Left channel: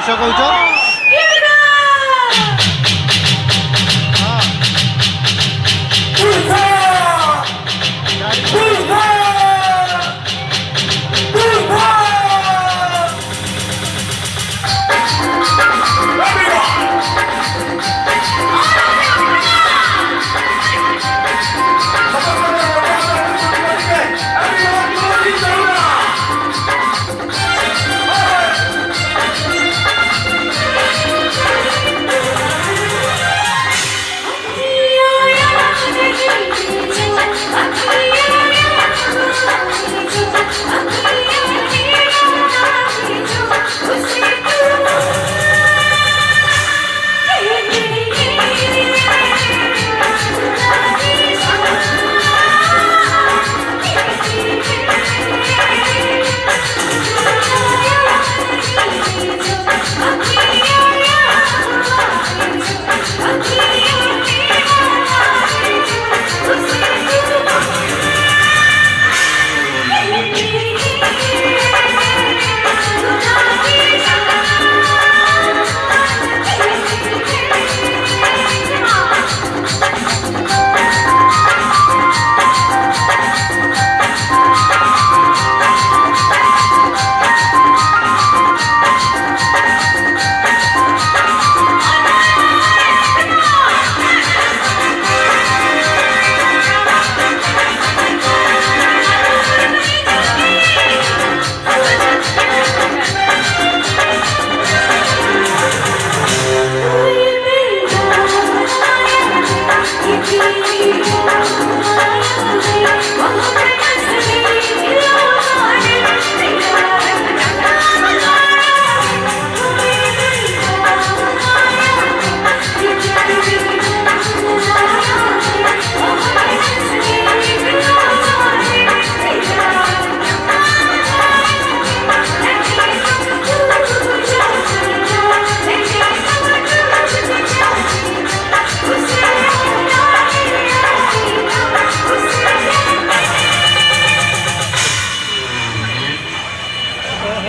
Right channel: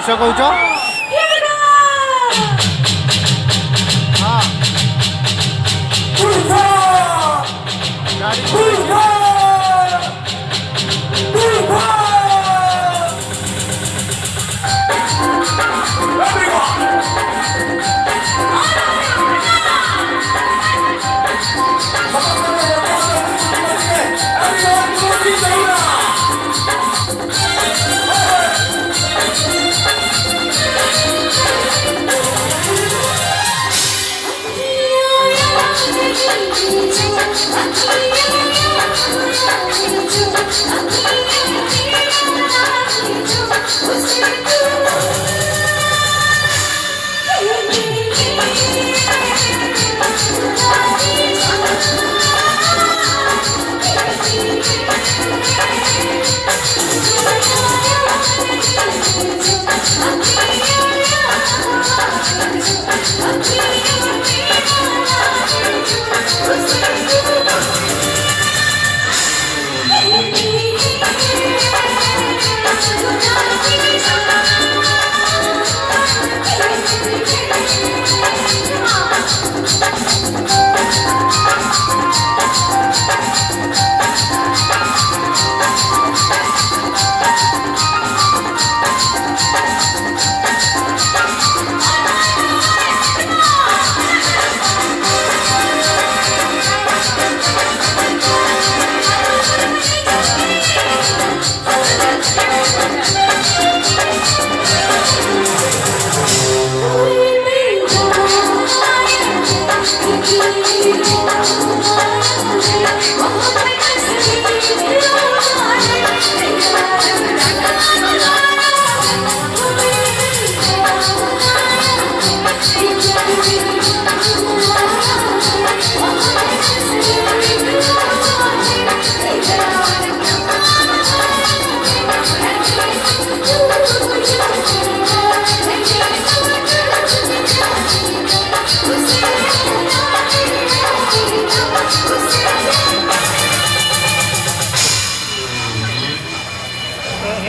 किस कौच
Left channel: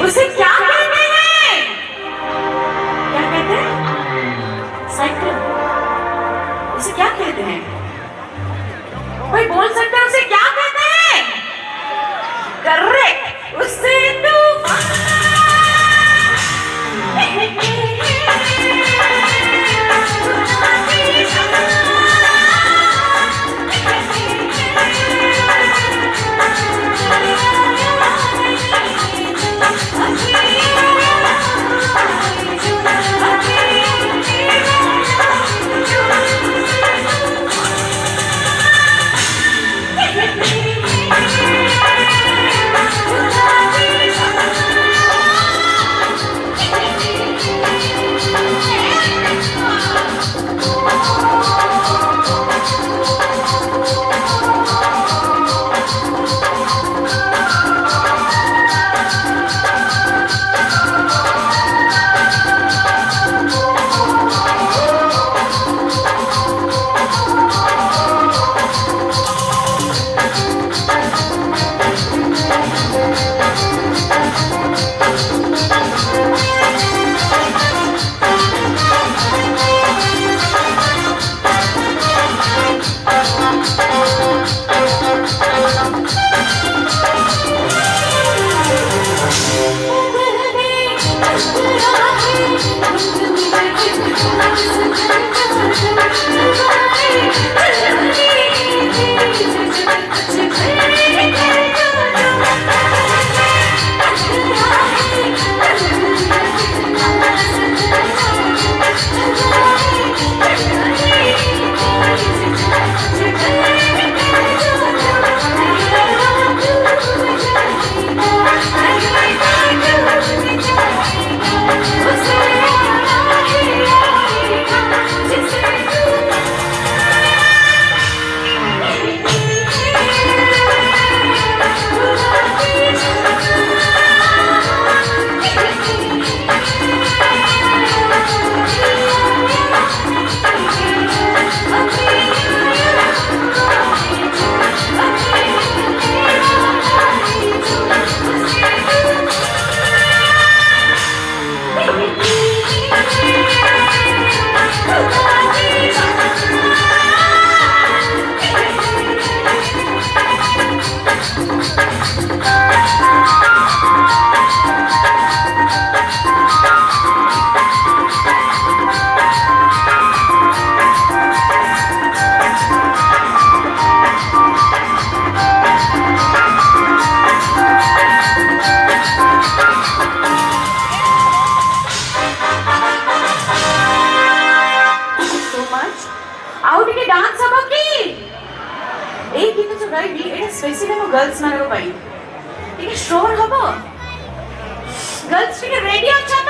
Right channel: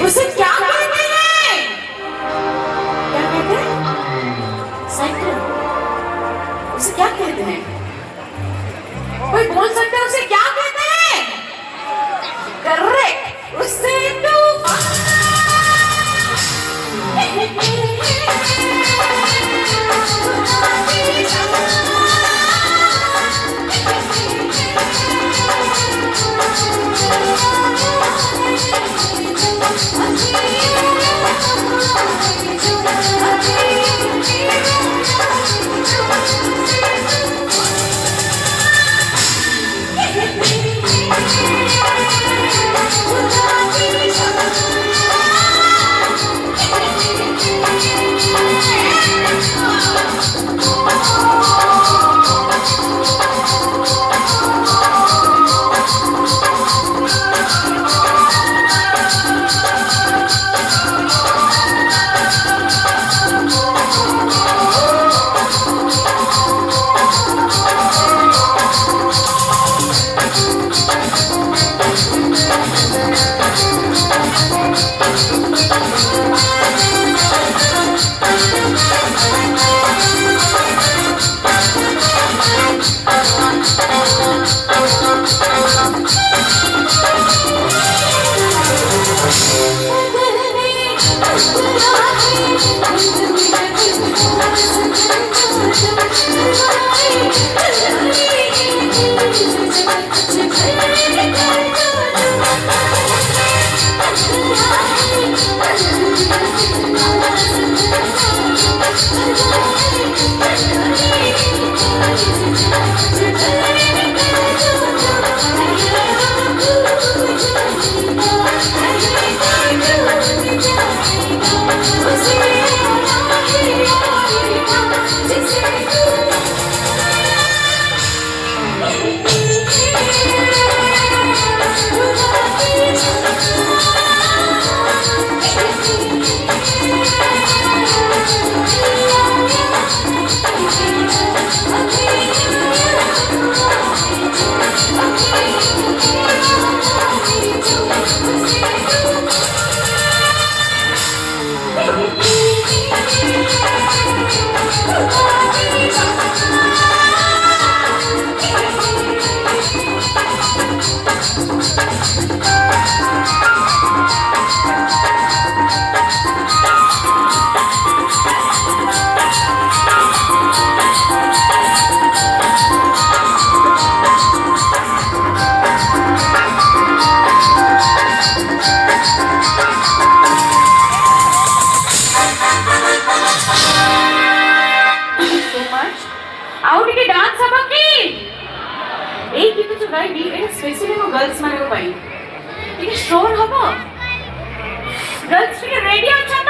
उसे क्या कहते हैं? क्या कहते हैं? साइकिल। उसे क्या कहते हैं? कोई बोल सकता है उसे क्या कहते हैं? करेक्ट, उसे Thank you. ଆଉ ଟିକେ ଡାନ୍ସ ହବ କି? ଏଇ ଗୀତ ଯୋଉ ଗାଇବି ଏଇଟା ସ୍ପେସିଆଲି ଆମ ଗର୍ଲସ ମାନଙ୍କ ପାଇଁ। ଟିକେ ଶ୍ରୋର ହବ। ଗର୍ଲସ ଟିକେ ରେଡି ଅଛ ତ?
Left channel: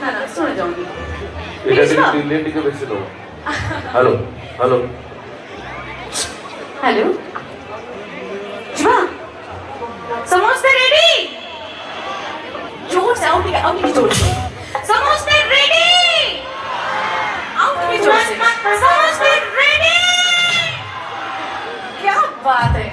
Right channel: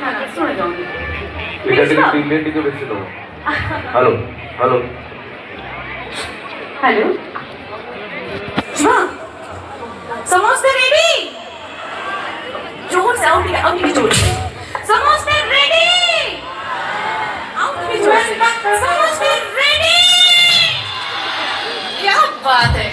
ନା ନା ଶୁଣି ଯାଉନି। এটা থেকে বিলিয়ন থেকে বেশি দেবো হ্যালো হ্যালো हेलो शिवा समोसे रेडी जोर से आओ ठीक जोर से समोसे रेडी आओ ठीक जोर से समोसे रेडी क्या बात है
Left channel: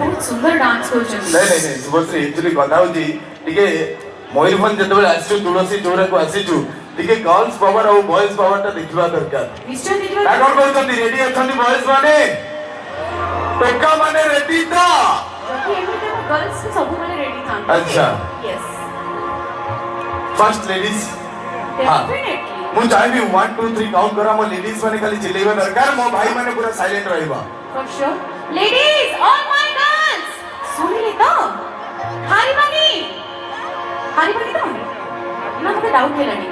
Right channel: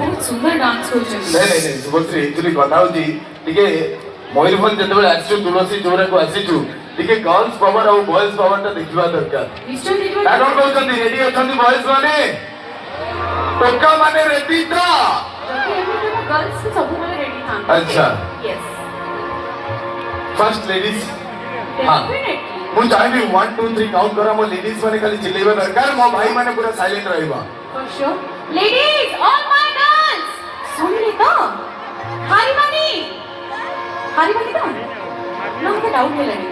बहुत सुंदर डांस କରୁଛନ୍ତି नहीं नहीं नहीं शुभश्री एक्चुअली कथा होची टिके मयूरभंज जेतबे आसिछु तुलसी चौरा को आसिछु टिके गर्ल्स पावर और बॉयज पावर ता देखिबा दरकार निश्चय देखिबा का कोन कहउछंती रेडी अछंती बॉयज माने टोका माने रेडी तो जबकि एमे तो गर्ल्स सब माने रेडी था अच्छा यस फर्स्ट लेडीज हां मु चाहबी 1 2 3 काउंट करा मो लेडीज माने खाली चिल्लेबा दरकार मो भाई माने पूरा साइलेंट रहइबा for sure ladies all my girls सुनिले तो हारी बानी तो ना मुझे डाउट है लगी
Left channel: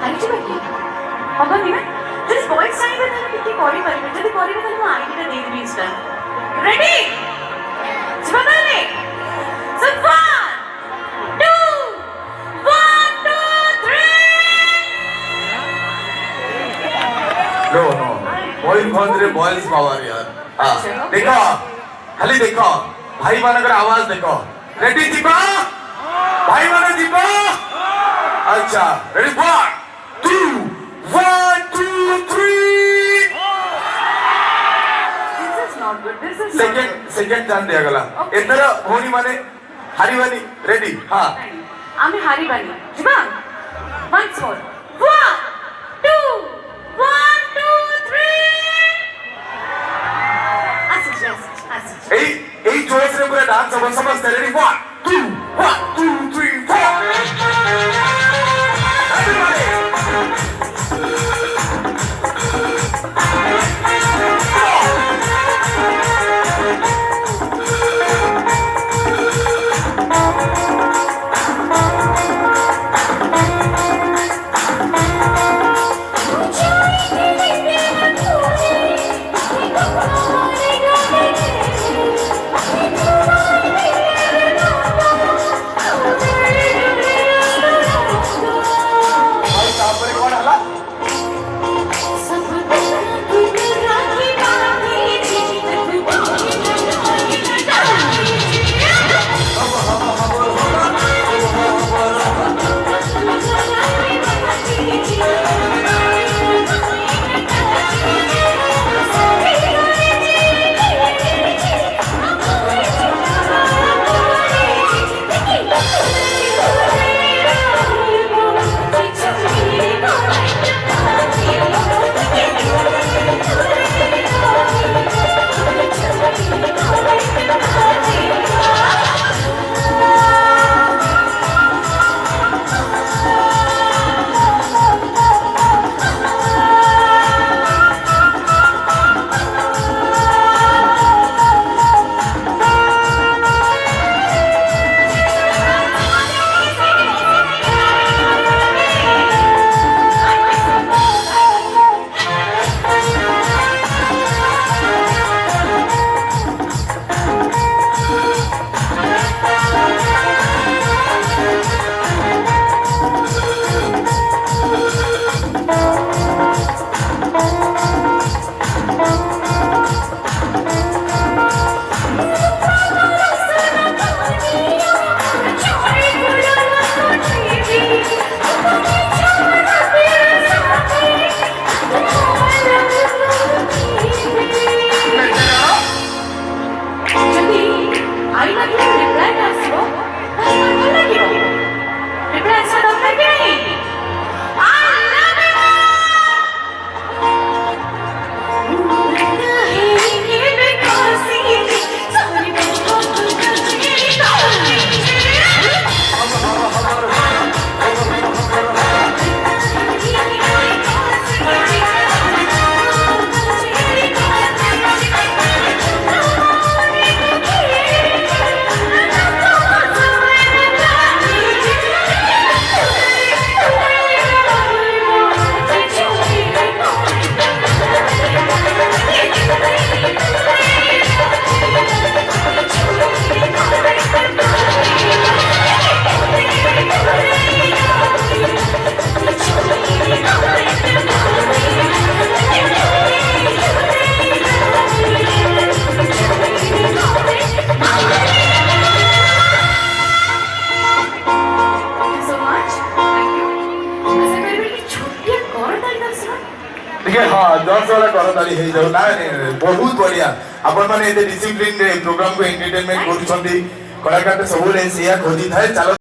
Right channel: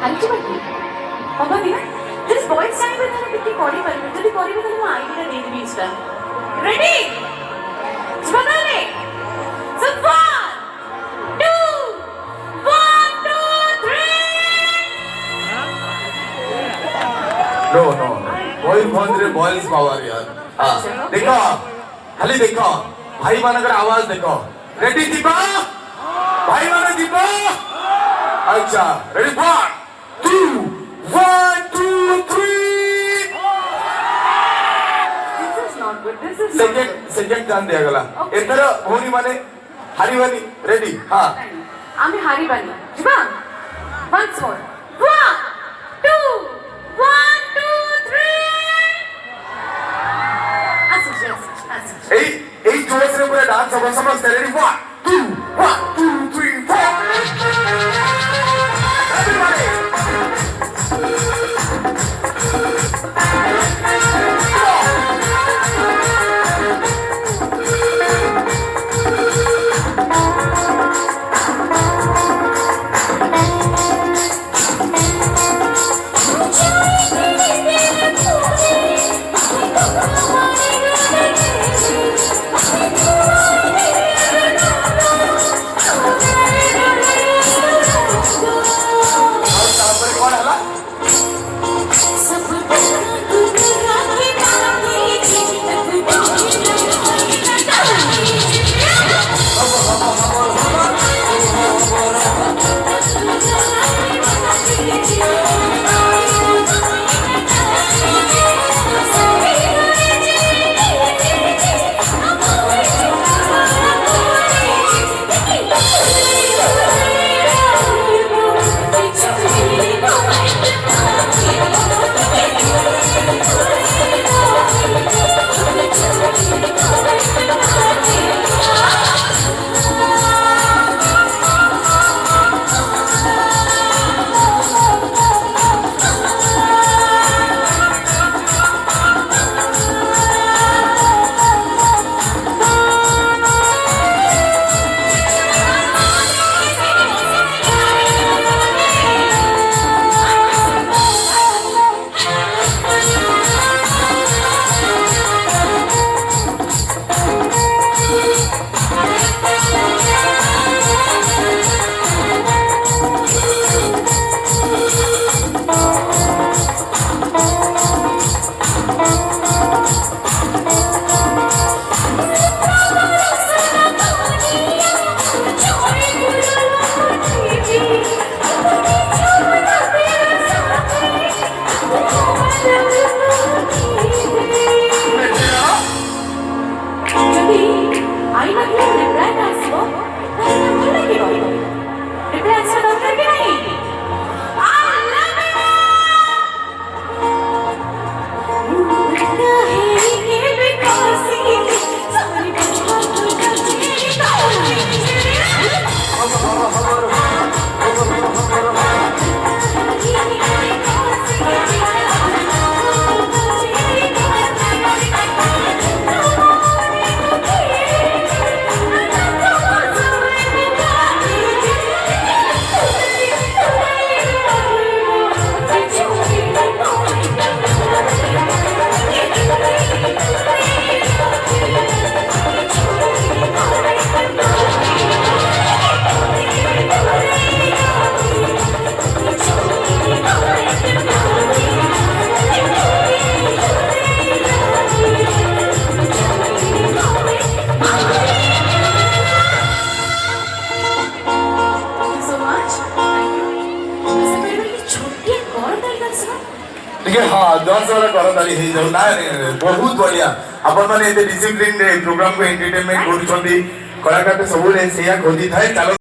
हारी जी बाकी पापा भी ना दिस बॉयज साइन में तो कितनी कॉली करी मुझे भी कॉली में तो मैं आईडी का दे दूंगी इसका रेडी जबरदस्ती सो 1 2 नो नो मयूरभंज रे बॉयज पावर यार हां देखो खाली देखो भाई मानकर आवाज देखो रेडी दीपा भाई माने दीपा अच्छा ready 1 2 1 2 3 this is not good this is second chance दिया गला एतर भौणी माने हारीवानी रेडी हां आमी हारी बानी जुबा वंस मोर 1 2 1 2 3 এই জোশ রে পুরো ডান্স হবে সমস্ত রেডি 1 2 3 4 everybody ଟିକେ ହଁ 10 वाला କରତାଳି ହେଇ ଯାଉ ନା ବହୁତ ବଢିଆ ଆପଣ ମାନେ ଏତେ ଡିସିପ୍ଲିନ ରେ ପ୍ରୋଗ୍ରାମ କୁ ଏଣ୍ଟରଟେନମେଣ୍ଟ କରୁଛନ୍ତି କଳାକାର ସବୁବେଳେ ସେଇଆ ଖୋଜିଥାଏ ଚାଲ